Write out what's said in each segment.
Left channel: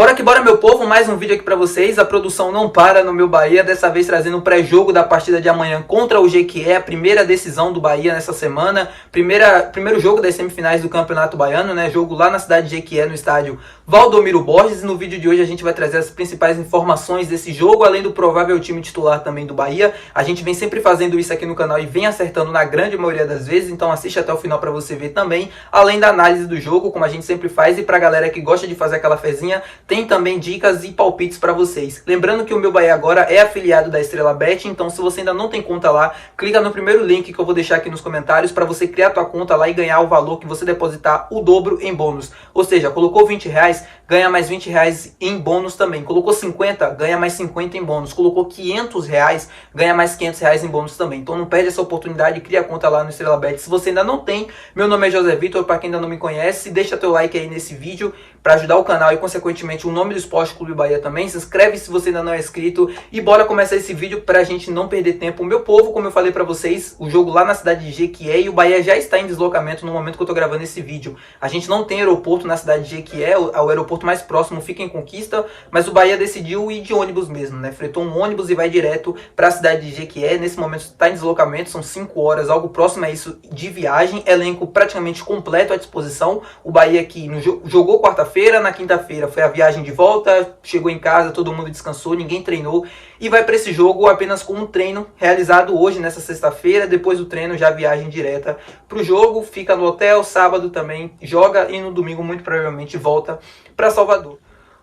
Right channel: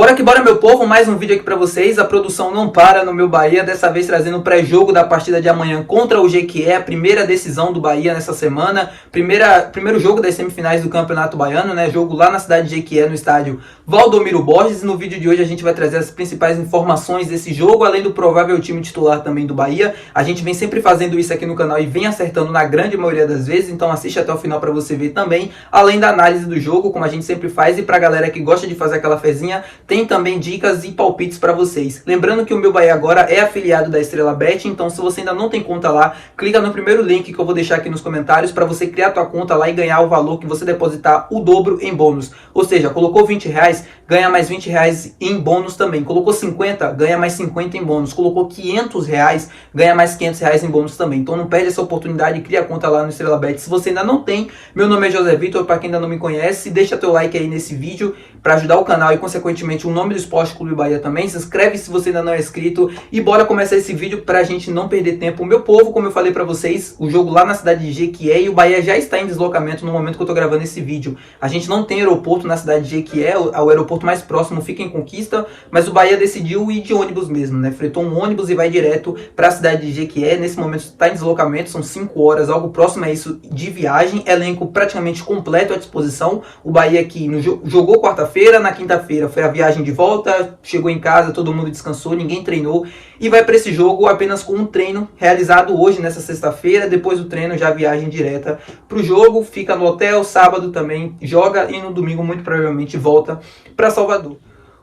Bora que bora, meu povo, mais um vídeo aqui pra vocês. A produção não para no meu Bahia, dessa vez trazendo o pré-jogo da partida de amanhã contra o Jequié, a primeira decisão do Bahia nessa semana, primeiro jogo das semifinais do Campeonato Baiano, né? Jogo lá na cidade de Jequié, no estádio Valdomiro Borges. E no vídeo de hoje a gente vai trazer as principais informações desse jogo, além do provável time titular também do Bahia. A gente vem sempre fazendo isso aqui no canal e vem acertando na grande maioria das vezes, então assiste até o final pra você ver também, além da análise do jogo, como a gente sempre faz. E pra galera que gosta de fazer aquela fezinha, tem também dicas e palpites para vocês. Lembrando que o meu Bahia agora é afiliado da Estrela Bet, então se você ainda não tem conta lá, clica no primeiro link que eu vou deixar aqui nos comentários para você criar tua conta lá e ganhar o valor que você depositar o dobro em bônus. Ou seja, colocou R$20, ganha mais R$20 em bônus também. Colocou 50, ganha mais 50 em bônus. Colocou R$500, ganha mais R$500 em bônus também. Então não perde essa oportunidade e cria a conta lá no Estrela Bet. Se você ainda não tem, meu nome é José Vitor, para quem ainda não me conhece, deixa teu like aí nesse vídeo para ajudar o canal e consequentemente o nome do Esporte Clube Bahia também. Se inscreve se você ainda não é inscrito e bora começar esse vídeo pra gente não perder tempo. Meu povo, como eu falei pra vocês, o jogo lá na cidade de Jequié, e o Bahia já está em deslocamento no momento que eu tô gravando esse vídeo. A gente não tem aeroporto na cidade de Jequié, o aeroporto mais próximo fica em Conquista, mas o Bahia decidiu ir de ônibus mesmo, né? Fretou um ônibus e vai direto pra cidade de Jequié. Nesse momento está em deslocamento, são 5 horas, algo próximo a isso de viagem. Elenco praticamente completo à disposição. O Bahia aqui jogou quarta-feira, na quinta-feira foi a viagem de volta, chegou em casa, todo mundo descansou, ninguém treinou e vai para esse jogo apenas com um treino realizado hoje, nessa sexta-feira. Depois do treino já viagem direta para o jogo, fica no hotel, sábado também joga e no domingo muito provavelmente volta para Salvador.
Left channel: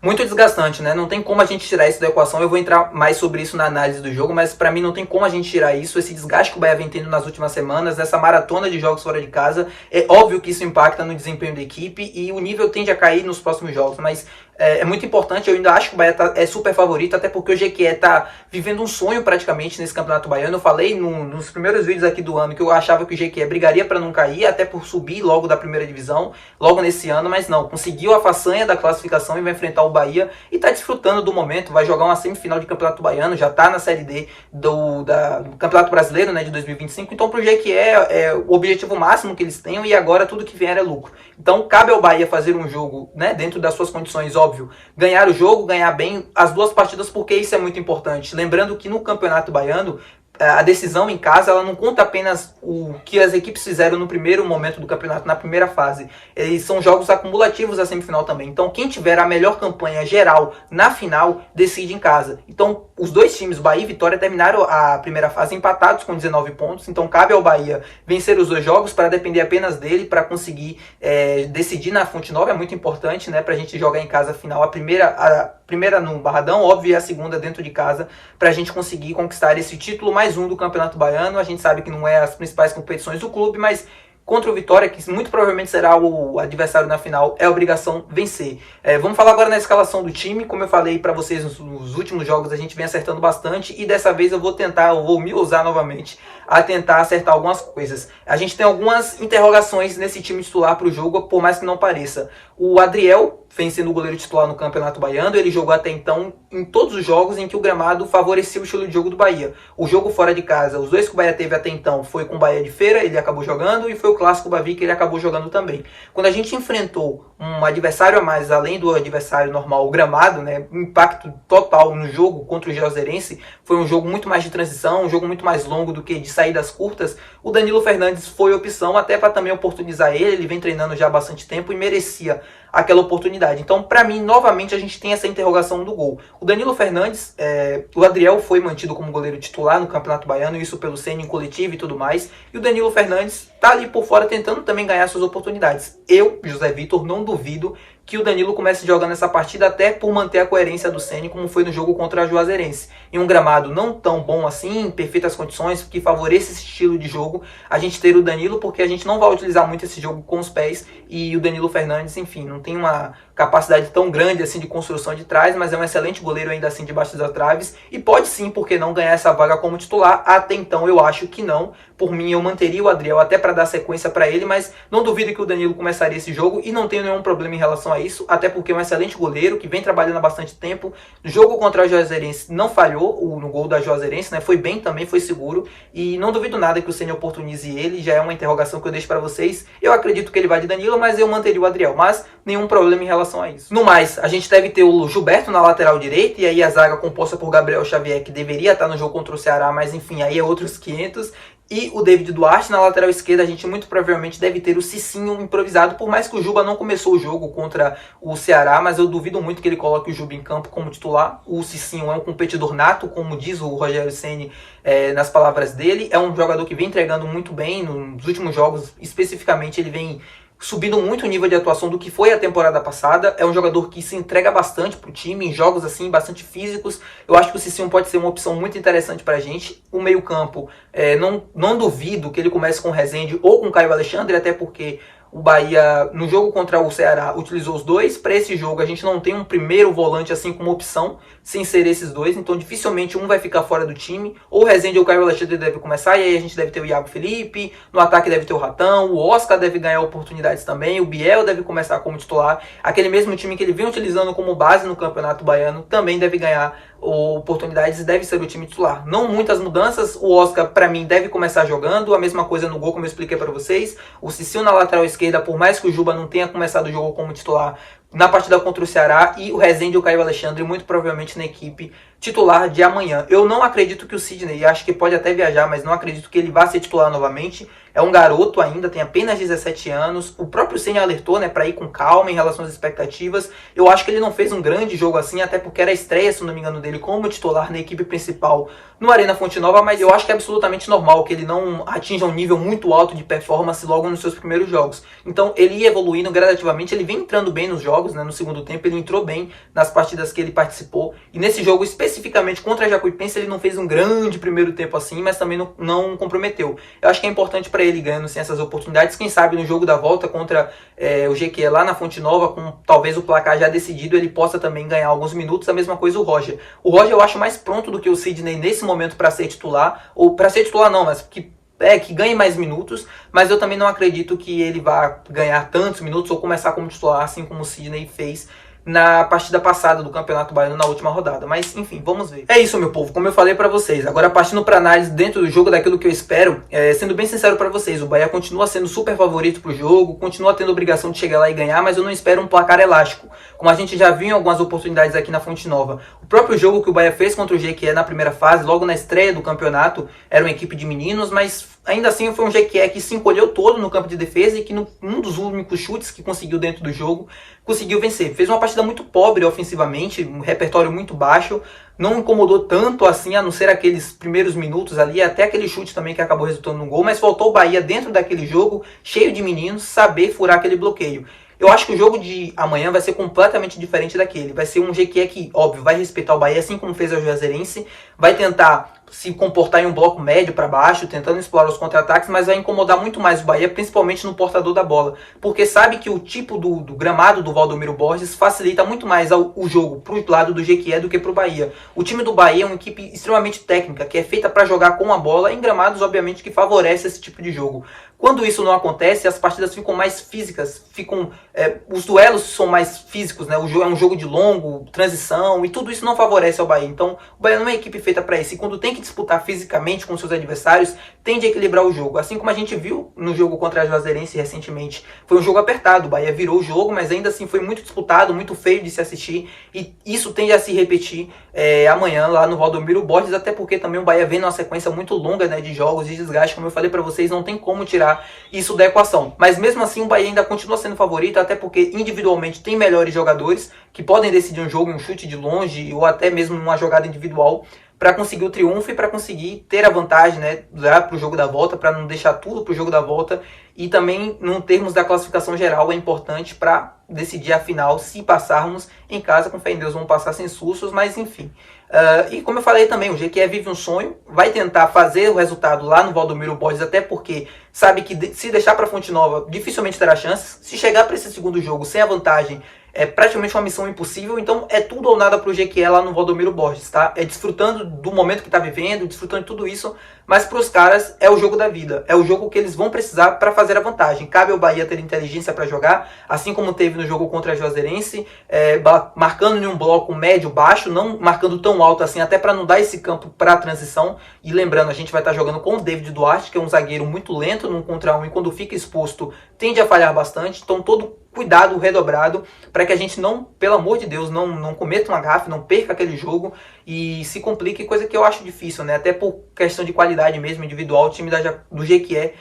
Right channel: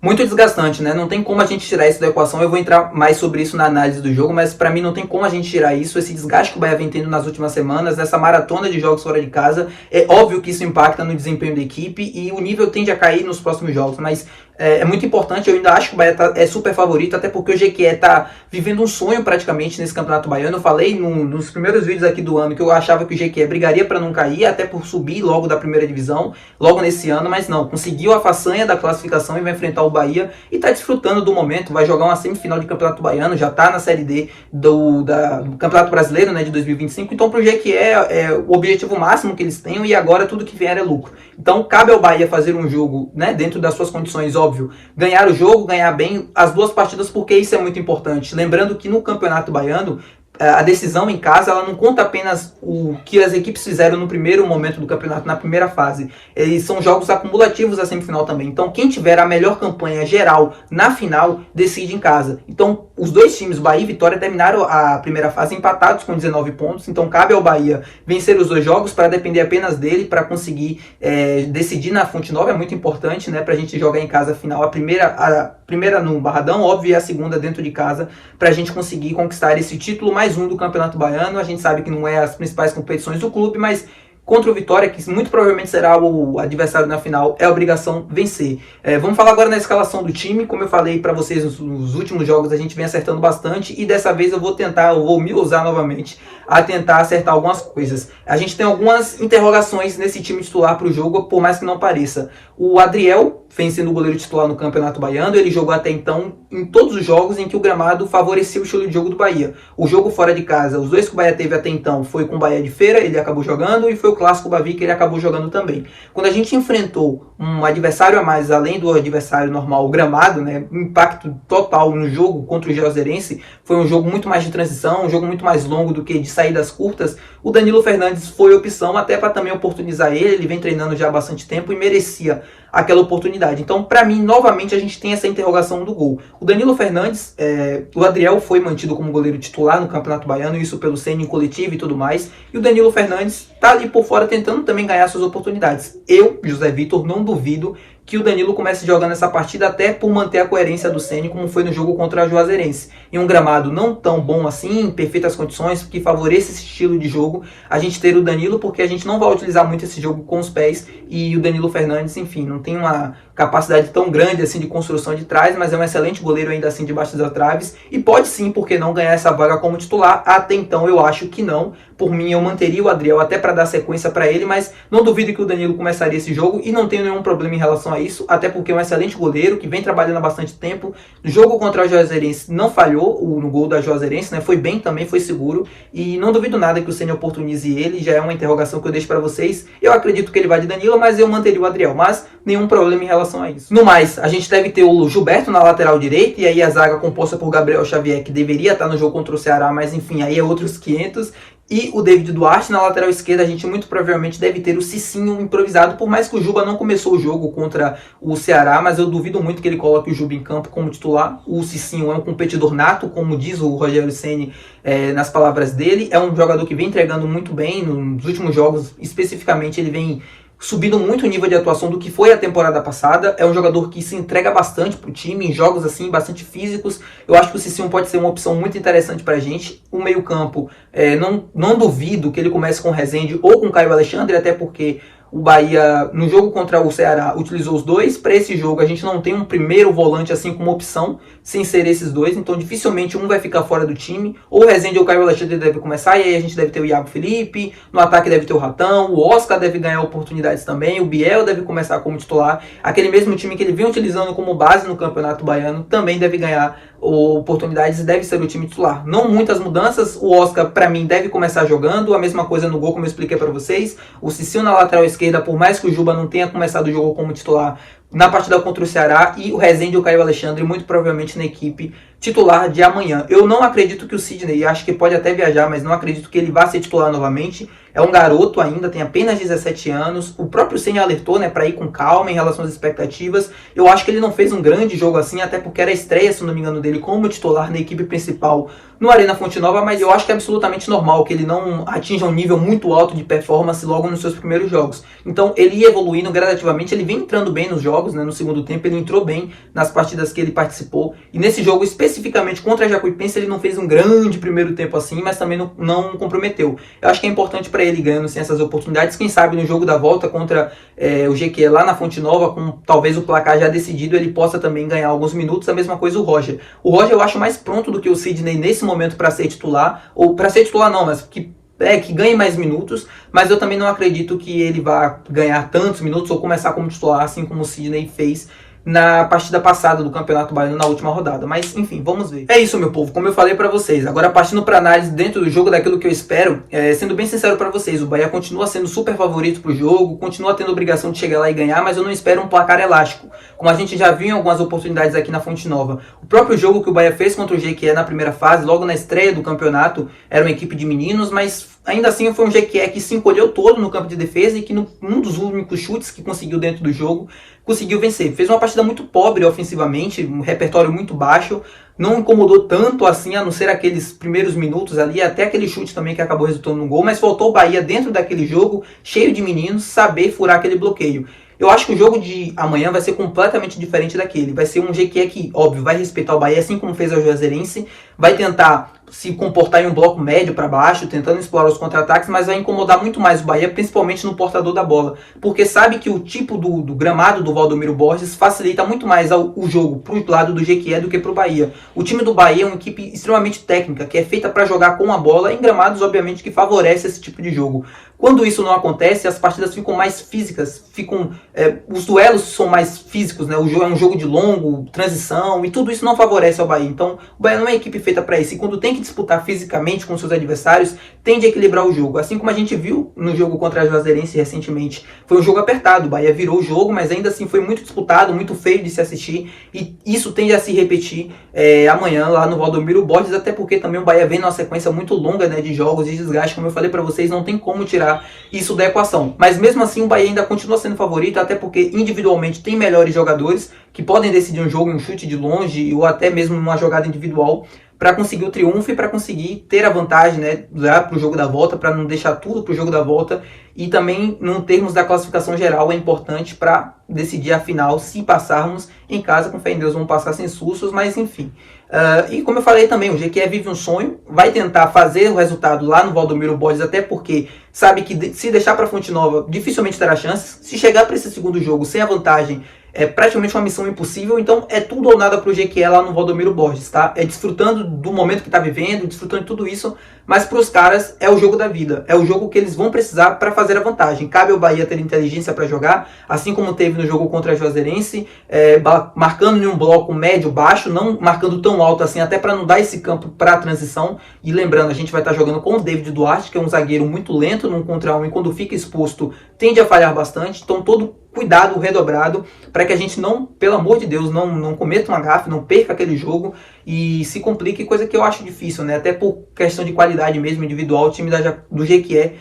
Muito desgastante, né? Não tem como a gente tirar isso da equação. Eu vou entrar mais sobre isso na análise do jogo, mas para mim não tem como a gente tirar isso, esse desgaste que o Bahia vem tendo nas últimas semanas, nessa maratona de jogos fora de casa. É óbvio que isso impacta no desempenho da equipe e o nível tende a cair nos próximos jogos, mas é muito importante. Eu ainda acho que o Bahia é super favorito, até porque o Jequié tá vivendo um sonho praticamente nesse Campeonato Baiano. Eu falei nos primeiros vídeos aqui do ano que eu achava que o Jequié brigaria para não cair, até por subir logo da primeira divisão, logo nesse ano, mas não, conseguiu a façanha da classificação e vai enfrentar o Bahia e tá desfrutando do momento. Vai jogar uma semifinal de Campeonato Baiano, já tá na Série D do Campeonato Brasileiro, né, de 2025, então pro Jequié é o objetivo máximo que eles têm e agora tudo que vier é lucro. Então cabe ao Bahia fazer um jogo, né, dentro das suas condições, óbvio, ganhar o jogo, ganhar bem as duas partidas, porque isso é muito importante. Lembrando que no Campeonato Baiano, a decisão em casa, ela não conta apenas o que as equipes fizeram no primeiro momento do campeonato, na primeira fase. Eles são jogos acumulativos da semifinal também. Então quem tiver a melhor campanha geral na final, decide em casa. Então os dois times, Bahia e Vitória, terminaram a primeira fase empatados com 19 pontos. Então cabe ao Bahia vencer os dois jogos para depender apenas dele, para conseguir decidir na Fonte Nova. É muito importante, né, para a gente jogar em casa a final. A primeira no Barradão, óbvio, e a segunda dentro de casa, para a gente conseguir conquistar esse título mais um do Campeonato Baiano. A gente sabe que não é as principais competições do clube, mas contra o Vitória, que muito provavelmente será o adversário na final, é obrigação vencer. Vamos falar agora na escalação do time. Como eu falei para vocês nos últimos jogos, a gente vem acertando bastante e dessa vez eu vou me usar novamente a tentar acertar algumas coisas. A gente tem algumas interrogações nesse time titular para o jogo, por mais que não pareça. O Adriel vem sendo o goleiro titular no Campeonato Baiano. Ele jogou até então em todos os jogos em que o gramado favorecia o estilo de jogo do Bahia. O jogo fora de casa, os dois que o Bahia teve até então, foi com o Bahia de Feira, ele acabou jogando, e foi o Clássico Bavi que ele acabou jogando também. Quando a gente enfrentou um adversário a mais, além do adversário normal, o gramado, né, um impacto total no jogo contra o Juazeirense, foi um jogo muito mais de transição, um jogo muito mais longo do que de saídas curtas. O Danilo Fernandes foi opção até para também oportunizar ele vem treinando já há bastante tempo e merecia aquela oportunidade. Então, para mim, novamente, a gente tem essa interrogação do gol. O Danilo Fernandes, o Adriel foi mantido como goleiro titular no Campeonato Baiano, isso pelo Ceni em coletivo e tudo mais, e o Danilo Fernandes tá ali por fora tentando também ganhar suas oportunidades. Eu, José Vitor, não duvido que o Danilo comece jogando essa partida, até por manter a coerência do Ceni, como foi no jogo contra a Juazeirense. Em um gramado não tão bom assim, em perfeitas condições, que favoreça esse estilo de jogo, a gente ter o Danilo, porque a gente não vai utilizar muito esse jogo com os pés, e o Danilo Fernandes, enfim, não tem uma capacidade tão grande assim de construção de trás, mas é um excelente goleiro ainda assim debaixo das traves, e pode sim, porque não, ganhar essa vaga como titular. Até então eu acho que não. Por mim, eu manteria o Adriel até para dar sequência para ele, mas não duvido que o Danilo começaria esse jogo e não tenho nenhum problema em relação a isso, até porque é um excelente goleiro que vem trabalhando há bastante tempo. No jogo contra a Juazeirense não falhou no gol da Juazeirense, né? Foi bem também, foi seguro, e não duvido nada que o Ceni oportunize ele. Já é uma interrogação que eu deixo para vocês. Eu acredito que ele vai de Danilo, mas eu manteria o Adriel, mas nenhum problema em relação relação a isso. No mais, a gente deve ter o Gilberto na lateral direita, e aí a zaga composta por Gabriel Xavier, que deveria estar no jogo contra o Ceará, mas enfim, aí é outros 500. E o David Duarte na lateral esquerda. A gente muito provavelmente deve ter o Cicinho improvisado, por mais que o Juba não começou o jogo contra o Ceará, mas eu duvido muito que ele coloque o Juba em campo como titular. O Cicinho é um competidor nato, como diz o Rogério Ceni nas palavras dele. É um jogador que vem entregando muito bem nos últimos jogos, especificamente ele vem subindo muito o nível de atuação do que foi a temporada passada. É um jogador que se entrega bastante pro time, em jogos assim, bastante físicos. Eu acho que o Cicinho pode ser uma opção muito interessante pra gente. O meio campo, não duvido que ele comece com o Rezende ou com o Caio Alexandre, até porque o Bahia, no jogo contra o Ceará, utilizou os dois. Para esse jogo, a gente não tem um primeiro volante assim como opção, sem ser esses dois. Então, dificilmente um vai ficar fora do time. Ou o Rezende ou o Caio Alexandre deve começar, e aí a gente deve ter o Iago Felipe. No ataque deve ter o Ratão. O Oscar deve ganhar oportunidades também. O Biel deve começar como titular. Aquele mesmo time que ele vem utilizando como base no Campeonato Baiano também deve ganhar oportunidades e deve ser o time titular. Não muitas mudanças. O Oscar, para mim, deve começar jogando. A mesma coisa no gol, como eu expliquei para vocês. O Cicinho na lateral esquerda, por mais que o Juba não tenha começado o jogo como titular na partida contra o Ceará, e o Rezende e o Caio Alexandre muito provavelmente na equipe titular de amanhã. Eu não acredito que o Sidney, acho que pode até viajar, mas não acredito que ele vá ser titular novamente. É um garoto ainda, tem apenas 17 anos. O próprio Ceni alertou, para ir com calma em relação às expectativas. Eu acho que ele não fez um grande jogo assim, até porque era a estreia, se não me engano, dele como titular na equipe principal no Arena Fonte Nova, mas eu acho que é absolutamente normal que ele não atinja um nível muito alto de performance logo nos seus primeiros jogos. Então ele ia evoluindo gradativamente, ele vem entrando bem nos jogos, no segundo tempo ele entrou bem nas partidas que ele participou, e nesse jogo especificamente contra a Jacuipense ele não fez um grande primeiro tempo assim, mas também não comprometeu. Eu acho que é importante para ele ganhando sem essas oportunidades, quem sabe no jogo da volta contra o GQ lá na Fonte Nova, com talvez o placar já decidido, ele possa também ganhar alguns minutos. A mesma coisa o Roger. O Roger eu acho mais pronto do que o Sidney nesse momento para ser titular, ou para ser titular não, mas que ganhe mais minutos, mas eu também não acredito que ele vá ganhar tantos minutos ou começar como titular, assim como o Sidney fez na partida passada do Campeonato Baiano na última rodada. Mas enfim, vamos ver. É isso, meu povo, como eu falei pra vocês. Agora partindo pra análise dentro do jogo, daquilo que eu espero, sendo bem sincero pra vocês, o Bahia continua sendo super favorito pro jogo, continua tendo obrigação de chegar lá e ganhar, mas eu não espero um placar elástico, como a gente já viu em algumas oportunidades aqui na Fonte Nova. O próprio jogo que o Bahia fez contra o GQ na primeira fase, logo na estreia do campeonato, era uma equipe de meninos, mas ainda assim foi um GQ que se encolheu todo no campo de defesa e que num dos únicos chutes que conseguiu dentro do jogo, conseguiu vencer. Fez uma partida muito pobre ofensivamente, um repertório muito baixo, não incomodou tanto assim, a não ser aqueles primeiros minutos ali, até aquele chute também que acabou resultando num gol, mas faltou o Bahia dentro daquele jogo, cheio de meninos, saber furar aquele bloqueio. Eu acho que o jogo de amanhã vai ser completamente diferente daquele. Vai ser um GQ que, óbvio, vai respeitar o Bahia, assim como fez o Juazeirense, vai tentar se comportar em um bloco médio para baixo, tentando explorar os contra-ataques, mas vai incomodar muito mais o Bahia, principalmente no portador da bola, porque sabe que o tipo do gramado do Valdomiro Borges facilita muito mais o jogo para o lado do GQ do que para o Bahia. O time do Bahia é uma equipe extremamente técnica, que é feita para jogar com a bola em gramados, obviamente, que favorece esse tipo de jogo. Quando isso não acontece, as partidas ficam mais físicas, os duelos são mais físicos, né? O jogo é um jogo de longo, transição, e tudo isso não favorece ao Bahia. Então, o Bahia não é uma equipe feita para isso. E quando tem que disputar fisicamente com seus adversários, tende a equilibrar o jogo. Assim como a gente viu no jogo contra a Juazeirense recentemente. Foi um jogo apertado, o Bahia virou o jogo, mas ainda assim foi muito disputado, muito feio de se assistir. E isso tende a se repetir amanhã lá no Valdomiro Borges, até porque também o Bahia vem numa sequência muito longa, né, de jogos e desgaste. Como eu falei para vocês, não tem como tirar isso da equação. Mas mesmo assim o Bahia ainda continua sendo favorito, até porque individualmente tem melhores jogadores que podem decidir um jogo em um chute de longe ou até mesmo numa jogada individual para conseguir o triunfo e para conseguir ter a vantagem, né, para o jogo da volta, para não deixar tudo para o jogo da volta. E também, em termos da classificação geral, é importante para decidir a final. Se passarmos em casa, com fé em Deus, vamos passar sem sustos, mas enfim. E como eu falei também, o GQ vive um sonho, vai tentar fazer o resultado lá no Valdomiro Borges, até porque sabe que se deixar para Fonte Nova, dificilmente terá chances. Se chegar para esse segundo jogo sem a vantagem, é praticamente uma missão impossível. Então é tudo ou nada pro GQ lá no Valdomiro Borges, tá? É desfrutando do momento que tá vivendo, desfrutando de tudo isso, mas pros caras é o jogo da vida, é o jogo que eles vão precisar para fazer a vantagem. Cabe ao Bahia ter inteligência para jogar, assim como teve no jogo contra a Juazeirense, marcando em um bloco médio-baixo, não marcando tão alto assim, até para não dar esse campo para a transição. E lembrando, a gente vai estar jogando com o David Duarte, que é um zagueiro muito lento no 1 contra 1, e quando fica exposto tende a falhar bastante. Então todo cuidado redobrado para que a gente não, pelo amor de Deus, não cometa uma gafe, não perca aquele jogo e se complique, coisa que eu acho difícil, né? Até por questão de qualidade mesmo individual, o time do Jequié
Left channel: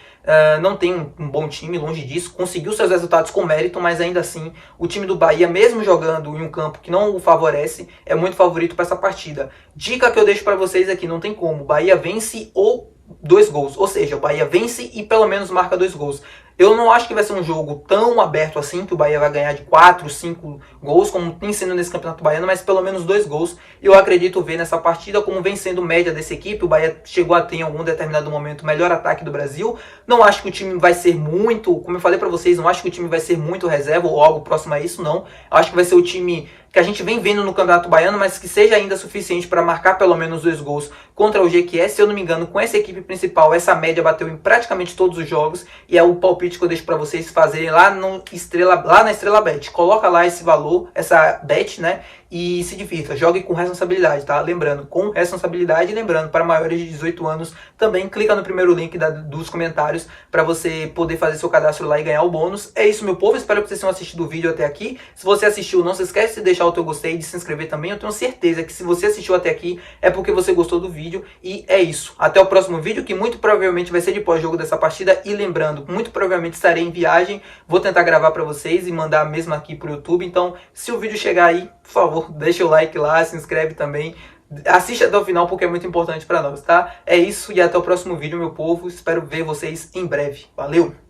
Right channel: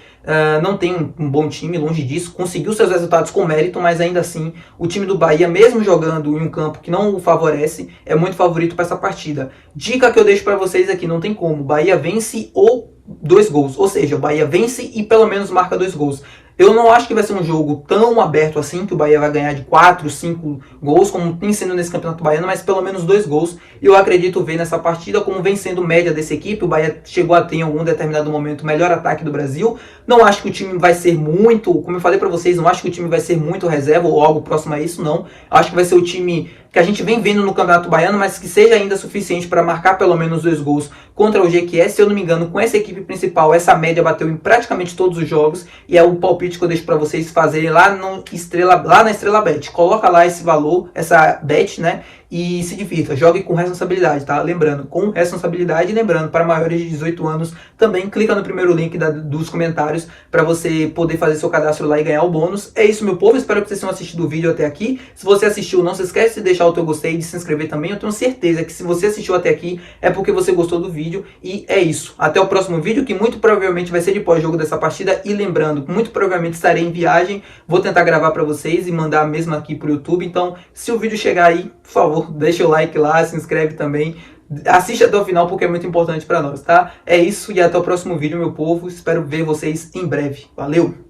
não tem um bom time, longe disso, conseguiu seus resultados com mérito, mas ainda assim o time do Bahia, mesmo jogando em um campo que não o favorece, é muito favorito para essa partida. Dica que eu deixo para vocês aqui, não tem como, Bahia vence ou 2 gols, ou seja, o Bahia vence e pelo menos marca 2 gols. Eu não acho que vai ser um jogo tão aberto assim, que o Bahia vai ganhar de 4, 5 gols, como tem sido nesse Campeonato Baiano, mas pelo menos 2 gols. E eu acredito ver nessa partida como vem sendo média dessa equipe. O Bahia chegou a ter em algum determinado momento o melhor ataque do Brasil. Não acho que o time vai ser muito, como eu falei para vocês, não acho que o time vai ser muito reserva ou algo próximo a isso, não. Eu acho que vai ser o time que a gente vem vendo no Campeonato Baiano, mas que seja ainda suficiente para marcar pelo menos 2 gols contra o Jequié. Se eu não me engano, com essa equipe principal, essa média bateu em praticamente todos os jogos, e é o palpite que eu deixo para vocês fazerem lá na Estrela Bet. Coloca lá esse valor, essa bet, né? E se divirta, jogue com responsabilidade, tá? Lembrando, com responsabilidade, e lembrando, para maiores de 18 anos, também clica no primeiro link dos comentários para você poder fazer seu cadastro lá e ganhar o bônus. É isso, meu povo, espero que vocês tenham assistido o vídeo até aqui. Se você assistiu, não se esquece de deixar o teu gostei e de se inscrever também. Eu tenho certeza que se você assistiu até aqui, é porque você gostou do vídeo. E é isso, até o próximo vídeo, que muito provavelmente vai ser de pós-jogo dessa partida. E lembrando, muito provavelmente estarei em viagem, vou tentar gravar para vocês e mandar mesmo aqui pro YouTube. Então, se o vídeo chegar aí, por favor, deixa o like lá, se inscreve também, assiste até o final porque é muito importante para nós, tá? É isso e até o próximo vídeo, meu povo, espero ver vocês em breve. Valeu!